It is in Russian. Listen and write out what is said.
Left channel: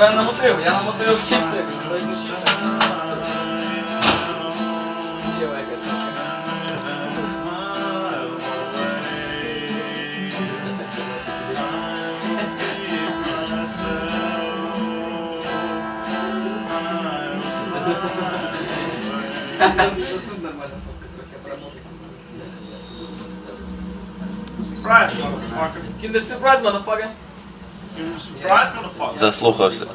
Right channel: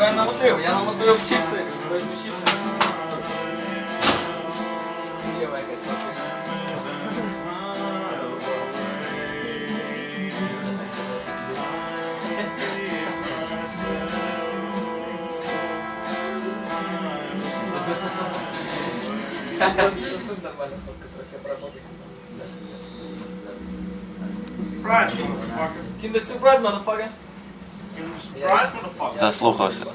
Що я намотив? Я намотив чіпси. Хтось не чіпси. Єва якась. Тут нормально фото, трохи обработки. Surprise, motherfucker. Kinder surprise, motherfucker. Give him a surprise, motherfucker. Заслухався.